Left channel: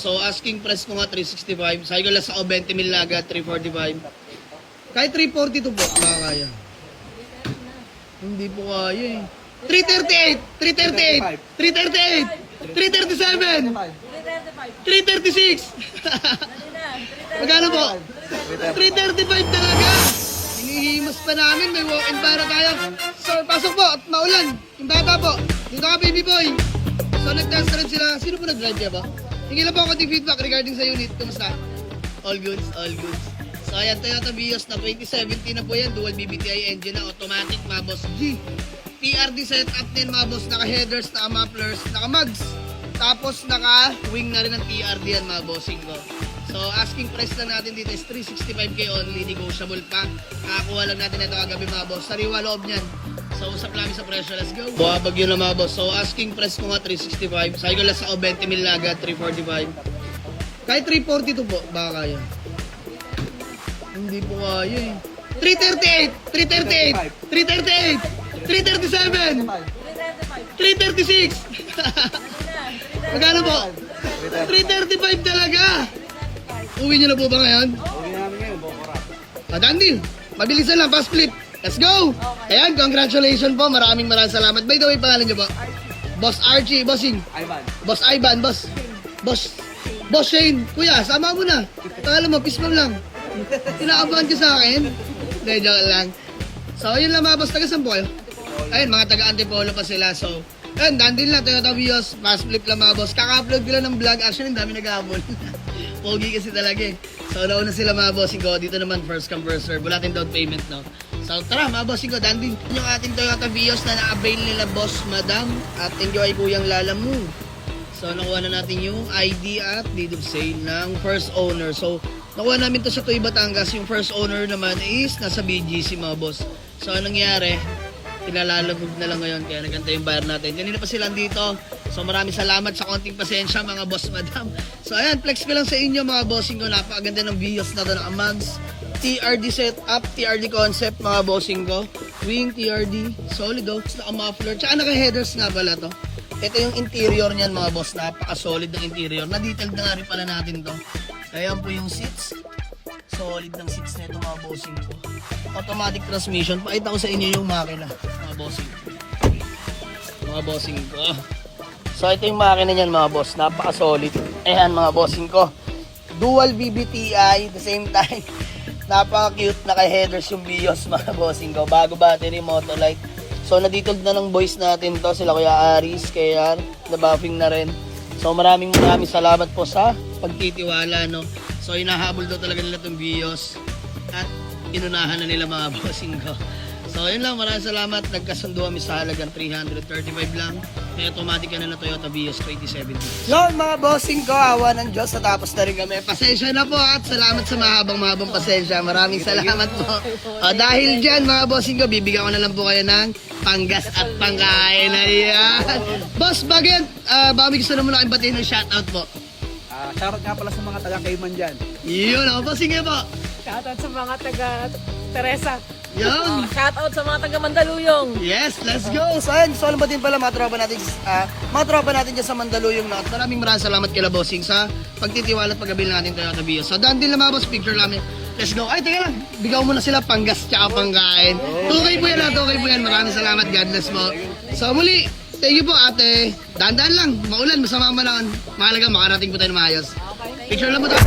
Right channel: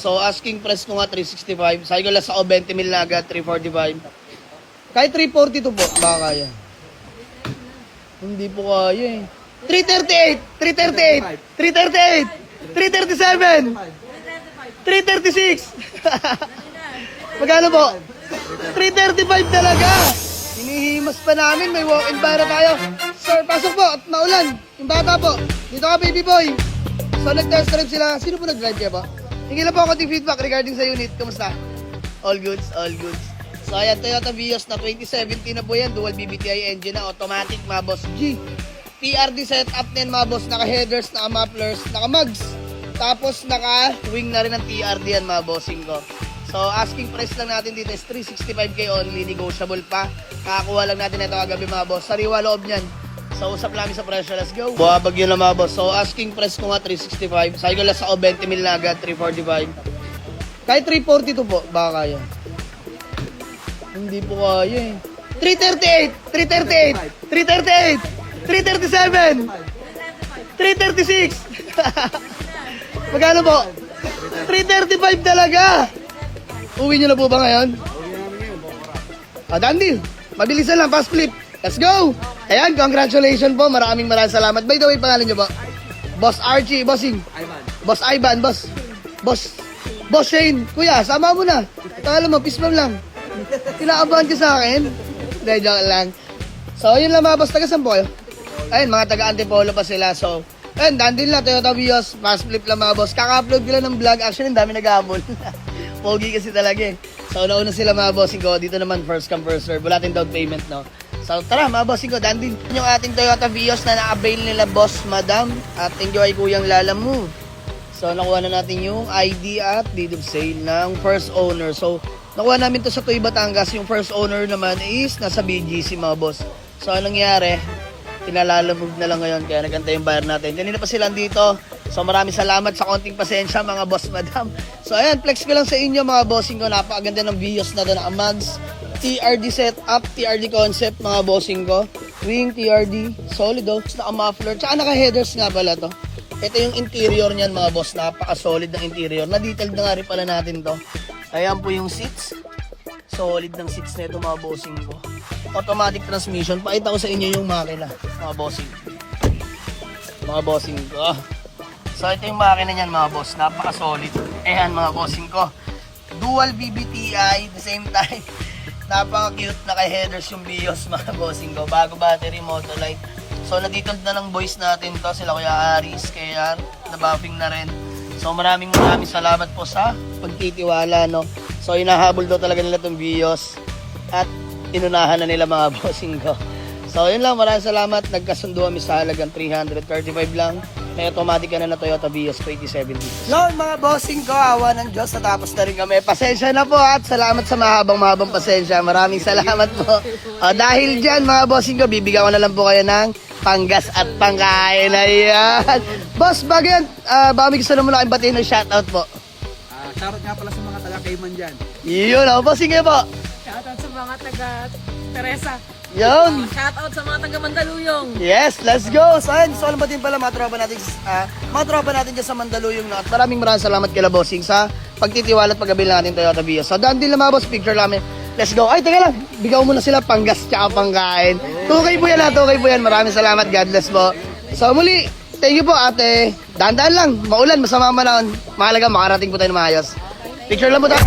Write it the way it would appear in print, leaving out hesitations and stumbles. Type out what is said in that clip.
So asking price ko nga 365. Sabi ko lang sa 20 mil na agad, 345. Kahit 342 po, baka kaya. Hindi po kaya eh. 338! 338! 338! 337! 336! Magkano po? 335 talaga! Hinihimas pa namin, may walk-in para tayo. Sir, pasok po at maulan. Yung bata po. Dito ka, baby boy. So nag-test drive sila. Sino po nag-drive kayo po? Hingi lang po ako ng feedback regarding sa unit. Kumusta? All goods, all goods. So ayan, Toyota Vios na 2017 na po yan. Dual BBTI engine na automatic, mga boss G. TRD setup din, mga boss. Naka-headers, naka-mufflers, naka-mugs. Tapos naka-wing na rin ng TRD yan, mga bossing ko. So asking price lang natin dito is 365k only, negotiable pa. Kakakuha lang natin ito kagabi, mga boss. Sariwa loob niyan. So usap lang sa presyo, let's go. Buhabag yun lang, mga boss. So asking price ko nga 365. Sabi ko lang sa 20 mil na agad, 345. Kahit 342 po, baka kaya. Hindi po kaya eh. 338! 338! 338! 337! 336! Magkano po? 335 talaga! Uwi nyo na po ba ngayon? Uwi namin ngayon, Bokora. Dandy, mabilisan lang, fast flip. Let's go! Ayan, congratulations po. Maraming salamat. By the way, pangalan nyo po? Boss Archie, bossing. Ivan. Boss Ivan, Boss Shane. Kuya, sama mo na. Pangalan mo, peaceful lang. Kinakabahan ka sa akin. Hindi, joke lang. So, yun lang mga boss. Taga-saan po kayo? Ayun, mga taga-Antipolo pa sila. So, ayun, dandin lang. Toyota Vios. Fast flip lang mga boss. Kaka-upload ko lang ng vlog. Actually, ang dami nag-aabol. Pogi kasi talaga eh. So, nauna sila mga bossing ko. Dito naman, first come, first serve. Wala tayong down payment, no? So, tara mga bossing ko. Dandin yung ating Toyota Vios na na-avail nila, boss, madam. At enjoy kuyang lalamu. So, nakuha na natin yung ID at deed of sale ng first owner. So, nakuha namin to sa Tuy Batangas. Yung first owner naman is nasa BGC, mga boss. So, anong nangyari? Pinalalamove na lang ngayon kaya nagantay yung bayar natin. Kanina pa sila dito. So, maraming salamat sa konting pasensya, mga boss, madam. So, ayan, flex ko lang sa inyo, mga bossing ko. Napakaganda ng Vios na to, naka-mags. TRD setup, TRD concept, mga bossing ko. Wing, TRD, solid oh. Naka-muffler. Tsaka naka-headers nga pala to. Ito yung interior niyan, mga boss. Napaka-solid ng interior. Na-detailed na nga rin pala natin to. Ayan po yung seats. Solid ng seats na ito, mga bossing ko. Automatic transmission. Pakita ko sa inyo yung makina, mga bossing. Mga bossing ko. So ito yung makina niyan, mga boss. Napaka-solid. Ayan, mga bossing ko. Dual BBTI. At the same time, napaka-cute. Naka-headers yung Vios, mga bossing ko. Bago battery, Motolite. So, naditod na ng boys natin to, sila Kuya Aris, kaya nabuffing na rin. So, maraming salamat po sa pagtitiwala, no? So, inahabol daw talaga nila itong Vios at inunahan na nila, mga bossing ko. So, yun lang, maraming salamat. Nagkasundo kami sa halagang 335 lang. May automatic na Toyota Vios 2017. Yun, mga bossing ko, awa ng Diyos, natapos na rin kami. Pasensya na po at salamat sa mahabang pasensya. Maraming salamat po. Dahil dyan, mga bossing ko, bibigyan ko na lang po kayo ng panggas at pangkain. Ayan. Boss, bago yan, baka may gusto naman akong batiin ng shoutout po. Shoutout nga pala sa mga taga-Cayman dyan. Yun, bossing ko po. Shoutout sa mga taga-Teresa. Yun. Shoutout sa mga taga-Mandaluyong. Yes, let's go. So, ayun, so alam ba din pala mga tropa natin dyan sa Mandaluyong na. At maraming salamat kila bossing sa pagtitiwala at pag-abil natin Toyota Vios. So, daan din lang mga boss, picture namin. Let's go. Ay, teka lang. Bigaw mo na sila panggas tsaka pangkain. Tukay po yan, tukay po yan. Maraming salamat. God bless po. So, muli, thank you po, ate. Daan-daan lang. Maulan, masama man lang. Mahalaga, makarating po tayo na maayos. Picture lang po tayo.